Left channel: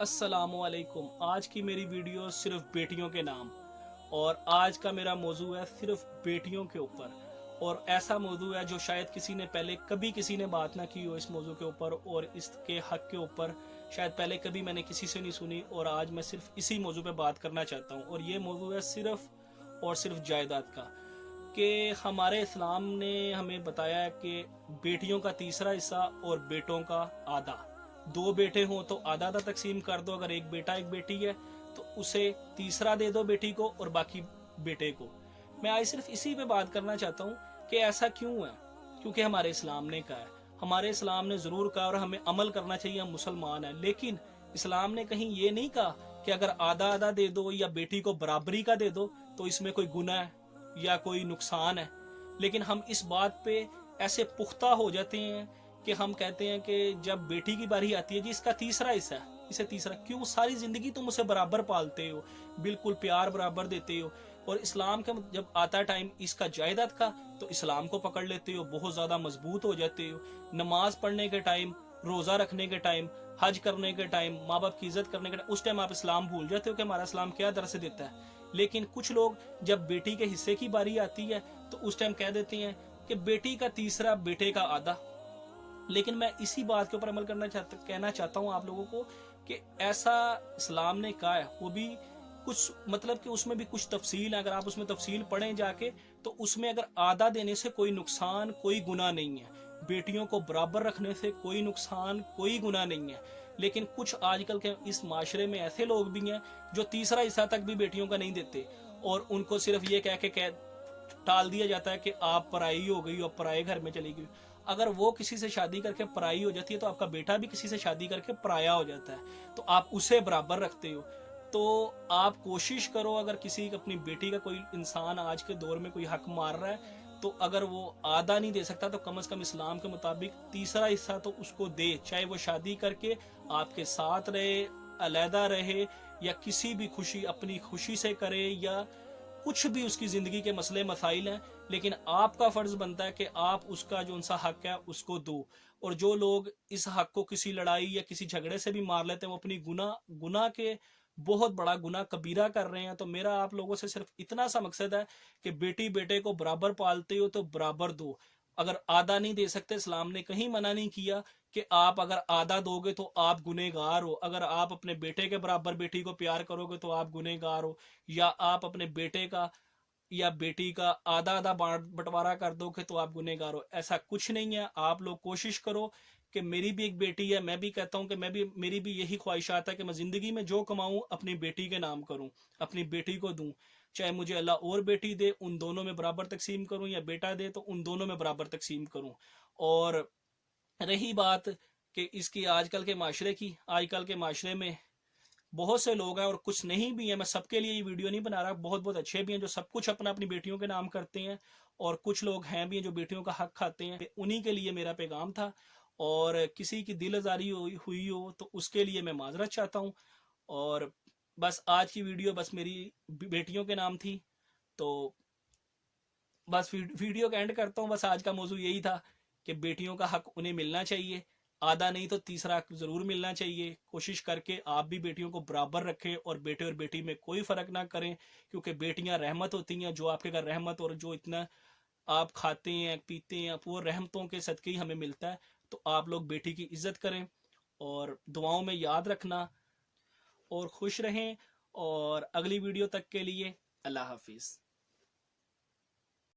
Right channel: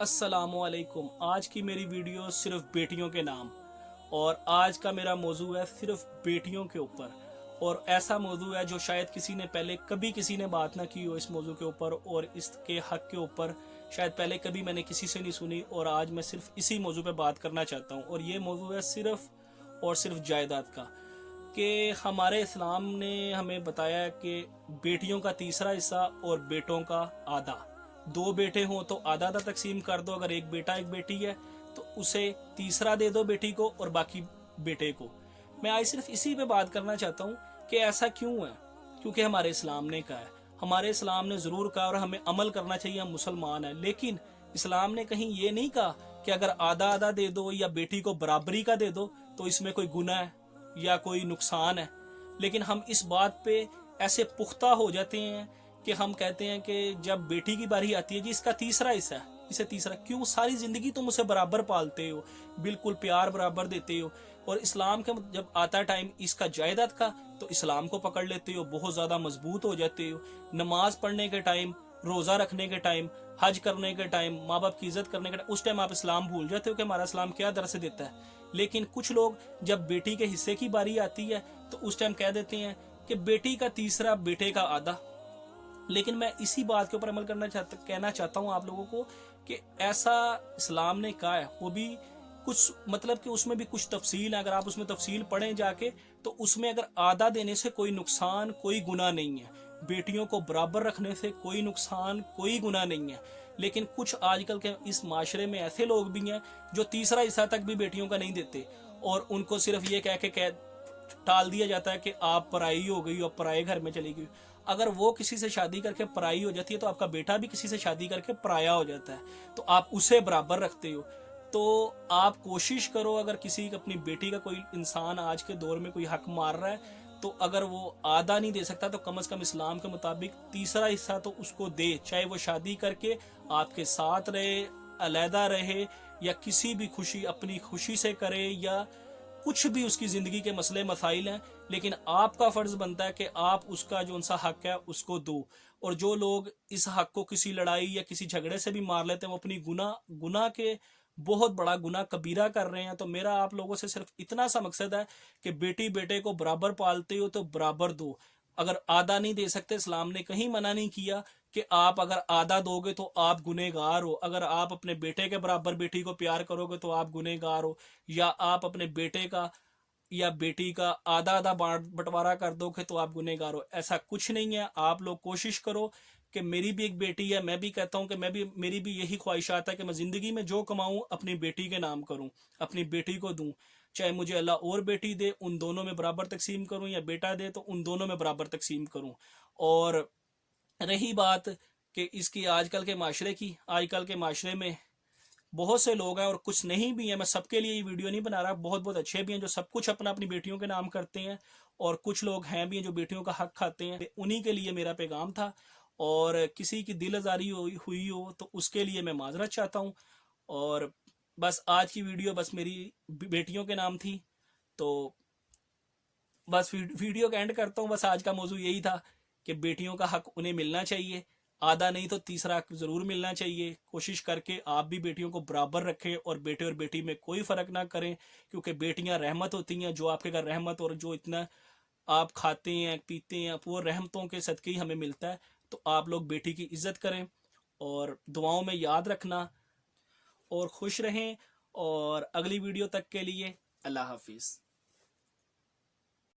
السلام علیکم۔ آج کی میری ویڈیو صرف بیٹیوں کے نام، اور آج کا میرا موضوع ہے صرف بیٹیوں کے اوپر، اور ایسا موضوع ہے جو شاید کسی نے پہلے کبھی کسی نے بات نہ کی ہو اس موضوع کے اوپر، اور اس کے حق کے اوپر شاید پہلے کبھی میں نے کسی سے نہیں سنی، اور آج میں صرف اسی موضوع پہ بات کرنا چاہتا ہوں۔ اور یہ موضوع ہے صرف اور صرف جائیداد کا، کہ ہمارے اسلام نے ہمیں بتایا ہے کہ بیٹیوں کا تیسرا حصہ اور بیٹوں کا آدھا۔ دو بیٹے ہوں تو آدھا آدھا تقسیم کر دو، اگر ایک بیٹا ایک بیٹی ہے تو اسے تیسرا دے دو بیٹی کو اور باقی بیٹے کو۔ میں آج صرف اسی پہ بات کرنا چاہتا ہوں کہ ایسا کیوں ہے، کیونکہ ہمارے اسلام نے کہا ہے، ہمارے اسلام نے ضرور کہا اور ہمیں عمل کرنا چاہیے، ہم مسلمان ہیں، لیکن اسلام نے کہیں یہ نہیں کہا کہ اگر آدھا آدھا دے دو یا بیٹی کو برابری کا دے دو تو اس میں کوئی گناہ ہے یا کوئی نقصان ہے۔ لیکن ہم اس بات پہ ایسے پختہ ہو جاتے ہیں کہ ہم کہتے ہیں کہ جب بیٹی کی باری آتی ہے جی اس کا تیسرا حصہ ہے، اسے تیسرا کیوں؟ ساری زندگی تم اسے برابر پالتے ہو، بالکل پیار برابر دیتے ہو، اور اسلام کے جب آتا ٹائم اس کا جائیداد کا تو اسلام کو پکڑ لیتے ہو، بہت زیادہ مضبوط ہو جاتے ہو۔ نماز پڑھنے کے ٹائم، روزہ رکھنے کے ٹائم، حج کرنے کے ٹائم، ماں باپ کی عزت کرنے کے ٹائم، اس ٹائم آپ اسلام بھول جاتے ہو کہ ہمارا اسلام کیا درس دیتا ہے۔ لیکن کچھ لوگ جب بیٹی کے حصے کی باری آتی ہے تو اس ٹائم کہہ دیتے ہیں کہ بیٹی کا تیسرا بیٹے کا آدھا۔ لیکن میں اسی بات کے اوپر عمل کہنا چاہتا ہوں آپ لوگوں کو کہ ایسا اسلام نے کہا ہے، وہ بھی کچھ مطلب کہ اس میں بھی کچھ تفصیل ہے، اگر آپ اس میں تفصیل پڑھیں جا کے تو اس میں اگر آدھا دینے سے کوئی نقصان کوئی گناہ نہیں ہے، بیٹیوں کو برابر رکھنے سے کوئی نقصان کوئی گناہ نہیں ہے۔ لیکن کچھ آج کل کے اس معاشرے میں ایسے لوگ بھی ہیں جو تیسرا حصہ تک بھی بیٹیوں کا نہیں دیتے، اور ان کو صرف یہ کہہ کے ٹال دیا جاتا ہے کہ آپ پرائی ہو گئی اور پرائے گھر میں چلی گئی۔ اگر وہ کسی سے شادی کر کے پرائی ہو جاتی ہے تو آپ کا بیٹا بھی کسی سے شادی کر کے پرایا ہو جاتا ہے، تو آپ اسے برابر رکھتے ہو۔ تو آپ کوشش کرو، اگر کسی اپنی بیٹی کا کوئی انسان آج کے دور میں کوئی حق مار رہا ہے تو اگر وہ آدھا نہیں دے سکتا تو کم از کم اسلام کے مطابق تیسرا حصہ تو اس کو دے، چاہے وہ شادی کر کے آپ کے ساتھ رہے، علیحدہ رہے، یا کسی بھی خوشی اپنی خوشی سے کرے، یا کچھ بھی اس کی زندگی کے مسئلے مسائل ہیں، لیکن آپ کا فرض بنتا ہے کہ آپ اس کا جو ان سا حق ہے اس کو دو۔ اور جو لوگ اس حق کو کسی لڑائی یا کسی جھگڑے سے بھی مار لیتے ہیں وہ اپنی گناہ کے بہت بڑا گناہ کبیرہ کر رہے ہیں۔ تو میرا آپ لوگوں سے صرف اتنا سا مقصد ہے کہ بیٹی بیٹے کو برابر پالتے ہو تو برابر دو۔ اگر آدھا نہیں دے سکتے، اسلام نے کہیں منع نہیں کیا کہ آپ اگر آدھا دو گے تو آپ گنہگار ہو، اگر آپ اپنے بیٹے کے برابر بیٹی کو پیار کرو گے تو آپ گنہگار ہو، یا آپ اپنے بیٹے کا یا بیٹی کا آدھا آدھا بٹوارا کر دو گے تو آپ گنہگار ہو۔ ایسا کچھ نہیں ہے۔ آپ لوگ کوشش کرو کہ میری بھی ایک بیٹی ہے، میں بھی کہتا ہوں کہ میری بھی یہی خواہشات ہے کہ میں زندگی میں جو کماؤں اپنی بیٹی کے نام کروں، اپنی بیٹی کو دوں، چاہے مجھے اللہ اور بیٹی دے ان دونوں میں برابر تقسیم کروں، یا بیٹا دے تو ان دونوں میں برابر تقسیم کروں۔ اور رہی بات کہ اس کی آج کل کے معاشرے کی، آج کل کے معاشرے میں بہت سے لوگ ہیں اور کچھ نہیں بھی ہیں، میں سب کے لیے یہ ویڈیو نہیں بنا رہا، بہت بہت اچھے بھی ہیں جو سب کچھ اپنی بیٹیوں کے نام کرتے ہیں، اور کچھ لوگ ہیں بھی ہیں جو بیٹیوں کا حق کھاتے ہیں۔ انہی کے لیے میرا پیغام تھا، اور کسی کی دل آزاری ہوئی ہو تو اس کے لیے میں معذرت چاہتا ہوں۔ اور بس آج کی ویڈیو بس میری بیٹیوں کے نام تھی، تو بس ویڈیو کا اینڈ کرتا ہوں۔ بس آج کا موضوع یہی تھا کہ بیٹیوں کا حق انہیں ملنا چاہیے، آدھا نہیں تو تیسرا ضرور ملنا چاہیے۔ کوشش کر کے آپ بھی بیٹیوں کو برابر رکھیں اور بیٹے اور بیٹی میں کوئی فرق نہ کریں، کیونکہ بیٹیاں رحمت ہوتی ہیں، جو آپ کے گھر رحمت اور جو اتنا آپ کھاتے ہیں پیتے ہیں وہ رحمتوں کے صدقے ہی ہمیں ملتا ہے۔ تو آپ لوگ بیٹی کی عزت کریں اور دعاؤں میں یاد رکھنا، اور خوش رہیں، اور اگلی ویڈیو تک کے لیے اللہ حافظ۔